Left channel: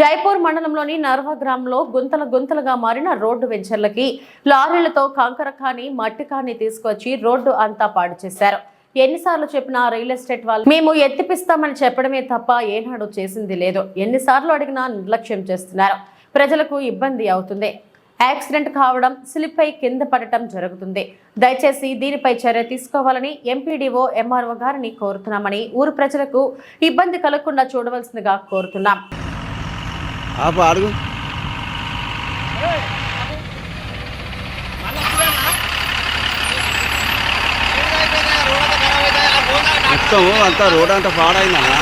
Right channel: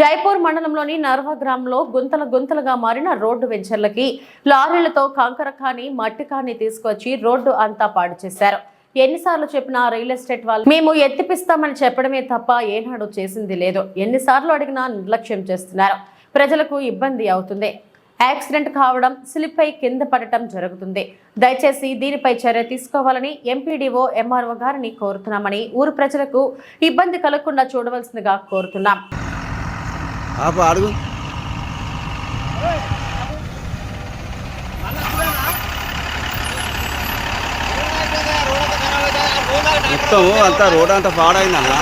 జైపూర్ మండలంలోని నర్వ గ్రామంలో గుంతలుగా మారిన రోడ్డు వెంచర్లకి లారీలతో కంకర కాని మట్టి కాని తీసుకొచ్చి రోడ్డు అంతా పాడు చేశారు. ఎన్నిసార్లు చెప్పినా రియల్ ఎస్టేట్ వాళ్ళు మేము ఎత్తిపిస్తామని చెప్పడమే తప్ప ఏనాడు చేసింది లేదు. ఎన్నిసార్లు అడిగినా నిర్లక్ష్యం చేస్తున్నారు. ప్రజలకు ఇబ్బంది అవుతుంది. యాక్సిడెంట్ కావడం, స్లిప్ అయి కింద పడటం జరుగుతుంది. దయచేసి దీనిపై చర్య తీసుకోవాలని ఎంపీడీఓ ఎంఆర్ఓ గారిని కోరుతున్నామని, ఊరు ప్రజలకు ఇబ్బంది కలగకుండా చూడవలసిందిగా కోరుతున్నాం. అడుగు మొత్తం అంతా రోడ్ అంతా పాడైందన్న.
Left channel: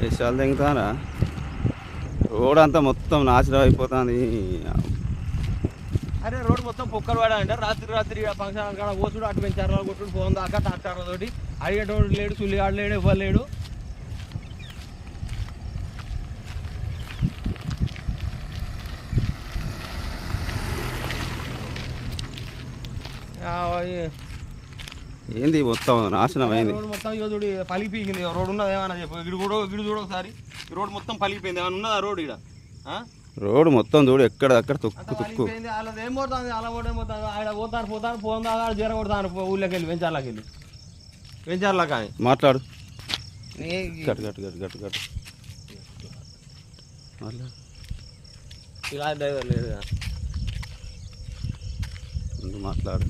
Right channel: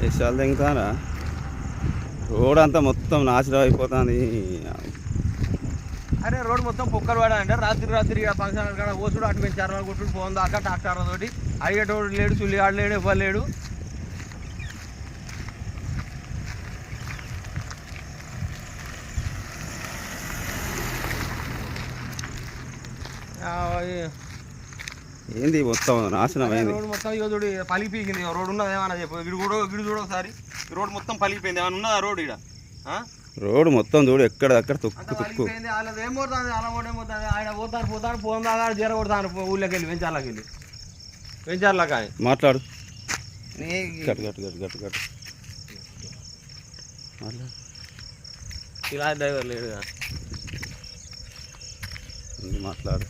విషయాలు దిగుతారా? రోడ్ అంతా మొత్తం నాశనం అయిపోతుంది. అరే రోడ్ మొత్తం పొక్కలు పడాలంటే రాత్రి ఫంక్షన్ కాడ ఓసుడు అటు పెంచారు కొట్టుడు పోను దాకా ట్రాక్టర్ తోటి అడిగేటోడు లేడు, సుల్లిగాడు లేడు, ఇవ్వలేడు. ఏంది మొత్తం నాశనం అయింది. రోడ్ మొత్తం ఇక చూడు పలిగిపోయింది. రోడ్ ఉన్నది ఏమన్నా చెప్పు. గిడు చూడ ఒకసారి రోడ్ మొత్తం పలిగిపోయింది. ఏమన్నా ఉన్నదా రోడ్ ఇక్కడ? రోడ్ మొత్తం చూడు ఎక్కడక్కడ తుక్కు. వాళ్ళది ఏం పోతుంది, అలా కూడా ఏమవుతుంది. ఆయన పోతాను ఫోన్ దాకా జీర కొడతాను ఊళ్ళోకి వెళ్ళి వెంచర్లకి మాట్లాడు. గట్టు ఇలా డ్రైవర్ లేదు మాట్లాడు.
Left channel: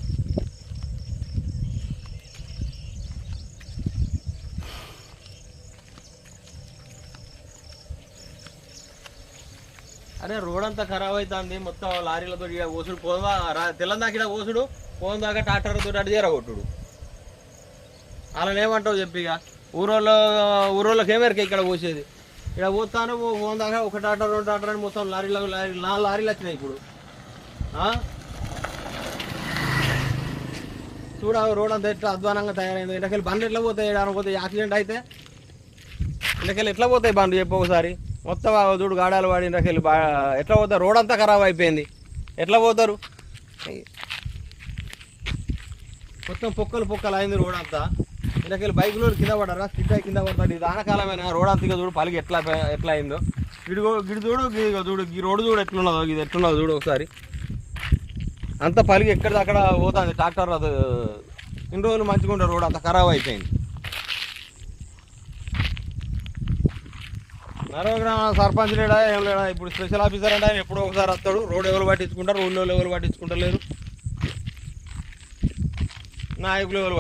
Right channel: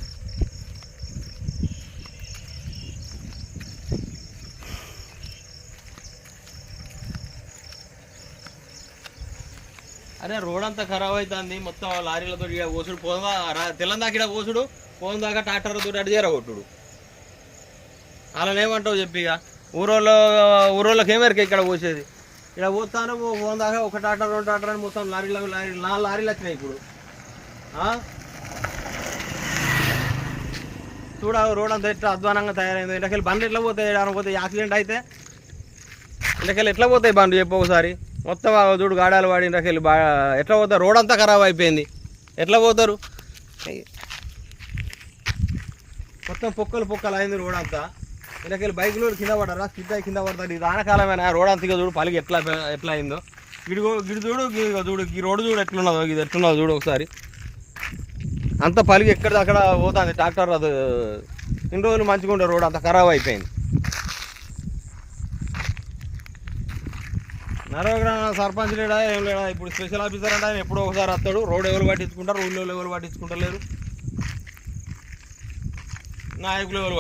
అరే రోడ్ అంతా ఖరాబ్ అవుతుంది. మొత్తం లారీలతో ఓసుడు పోదా తెల్లందాక ఇక్కడ ఓసుడు పోను దాకా ట్రాక్టర్తో అటు చేరగొట్టుడు. అలా ఏమంటావు చెప్పి ఇక ఊరోళ్ళకి ఏమేరకే ఇక్కడ పోసేది. ఇక్కడ పోతాను పోను దాకా ఒక ట్రాక్టర్ రెండు ట్రాక్టర్ అని మొత్తం లారీలు 4 లారీలు వచ్చినాయి ఇప్పుడు. చూడ రోడ్ అంతా ఎట్లా అధ్వానంగా తయారైంది. ఇళ్ళకెళ్ళి బండ్లు ఎట్లా పోతాయి? పోతే యాక్సిడెంట్ అయితే ఇళ్ళకెళ్ళి ఎట్లా పోతాయి బండ్లు చెప్పు ఒకసారి. మొత్తం చూడు గాడాలు వాడి ఇంటకెళ్ళి ఎట్లా పోతారు? రోడ్ అంతా ఖరాబ్ అయిపోయింది. ఎట్లా పోతారు? మొత్తం పొక్కలు అయింది రోడ్ అంతా. ఇంటకెళ్ళి బైకులు కింద పడరా, స్టిక్ అయి కింద పడతారు. ఇది ఆనకాలమైన రోడ్ అంతా చూడు పలిగి ఎట్లా అయిందో. గిడి చూడు ఈ రోడ్డు చూడు ఎట్లున్నదో, ఇది ఎట్లున్నదో చూడు ఒకసారి. అంత పలిగి ఎక్కడిది అక్కడ పోతుంది ట్రాక్టర్. అది ఇన్ని రోజులు మంచిగా ఉండే రోడ్ అంతా ఖరాబ్ అయిపోయింది. నర్వ గ్రామ సర్పంచ్ లేడా ఏం లేడా? ఇప్పుడు స్పెషల్ ఆఫీసర్ అంటే ఆయన ఎప్పుడో ఒకసారి వస్తాడు. రోడ్ ఎవరు పట్టించుకుంటారు, ఊళ్ళో ఎవరు పట్టించుకుంటలేరు, నాయకులు ఎవరు